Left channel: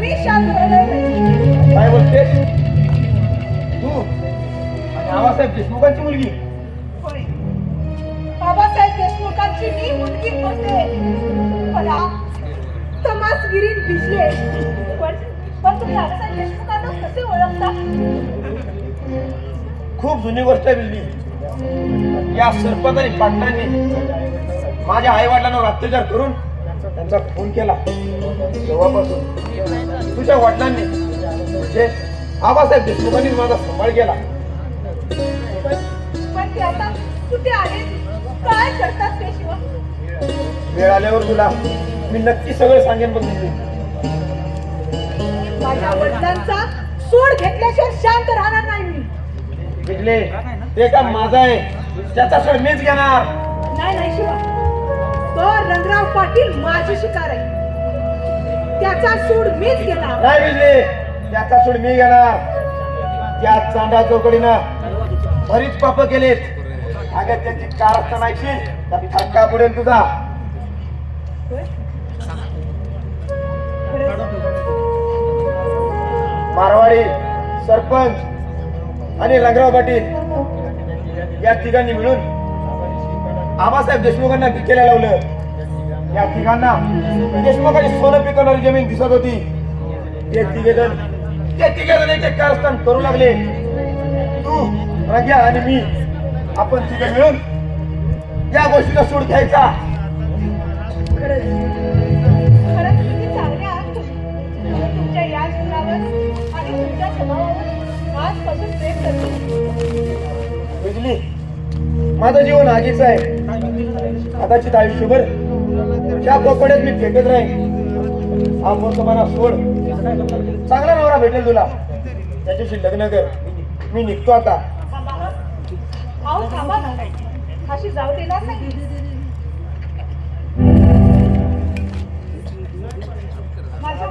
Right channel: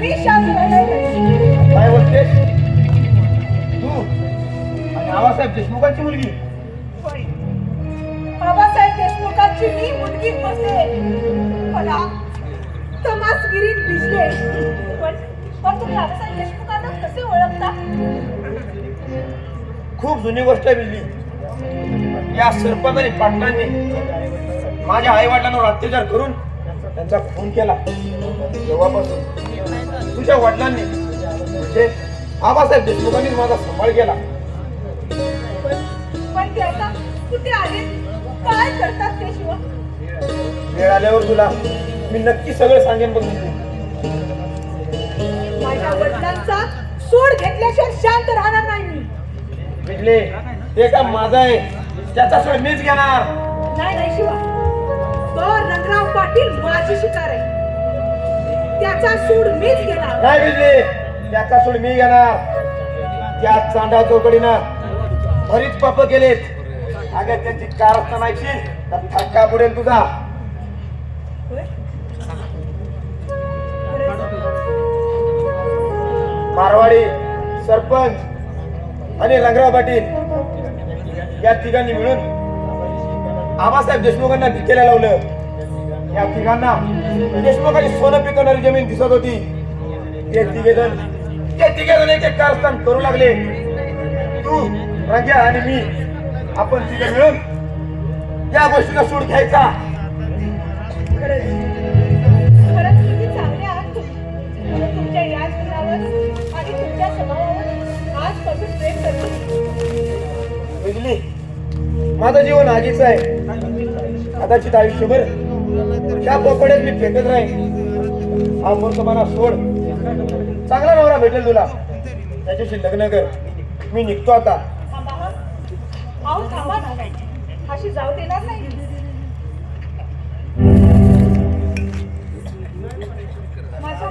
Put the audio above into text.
मी शांत राहणार. काय बोलतेस तू? आणि आबासाहेब देशमुखांची मुलगी? होय, आबासाहेब देशमुखांची मी मुलगी होते. मला तमासगिरीत भिजले. पण तुम्ही आबासाहेब देशमुखांना कसे ओळखता? खूप जुनी गोष्ट आहे बिल्ली. या सरपंच आणि पाटलांनी माझ्या आई वडिलांवर अत्याचार करून त्यांचा खून केला. तेव्हापासून तुझ्या वडिलांनी म्हणजे आबासाहेब देशमुखांनी माझा सांभाळ केला. पण ते आता कुठे आले, काय करतात ते शिवा? वेळ आल्यावर तुला मी नक्की सगळं सांगेन बघ. माझ्या वडिलांचा सोड घेतल्याशिवाय शांत राहणार नाही मी. बिजले, ते का माझा आहे, त्याचा सोड मीच घेणार. नाही नाही शिवा, तो रंगराव पाटील माझी शिकार आहे. त्याचा सूड मीच घेणार. नाही बिजले, त्याचा सोड मी घेणार. त्या चांडा चौकडीनं बरीच पाप केलेत. अगं त्याची कारस्थान ऐकशील धक्का पडेल तुझा. होय? मारवाडी सरपंच आणि रंगराव पाटील या तिघांनी मिळून आबासाहेब देशमुखांना भिकेला लावलं. या तिघांना देशमुखांची सोनं पिकवणारी जमीन दिसत होती. ते तिघेजण एक एक कारस्थान करू लागले. तू, रंग्या आणि मी आपण तिघे मिळून या गोष्टीला सूड घ्यायचा. खरंच खरंच तुम्ही चांगले आहात. तुमच्या या गुणावर आणि तुमच्या स्वभावावर आजपासून प्रेम करते. बिजली, माझं जीवन आगीच आहे. कदाचित आयुष्यभर त्या कोपड्यात मी फेकत राहीन. हा फोन तुम्हाला सोड. चांगला नवरा भेटेल तुला, त्याच्याशी लग्न कर. मी निघतो आता. अहो थांबा ना, अशी जाऊ देणार नाही. माझ्या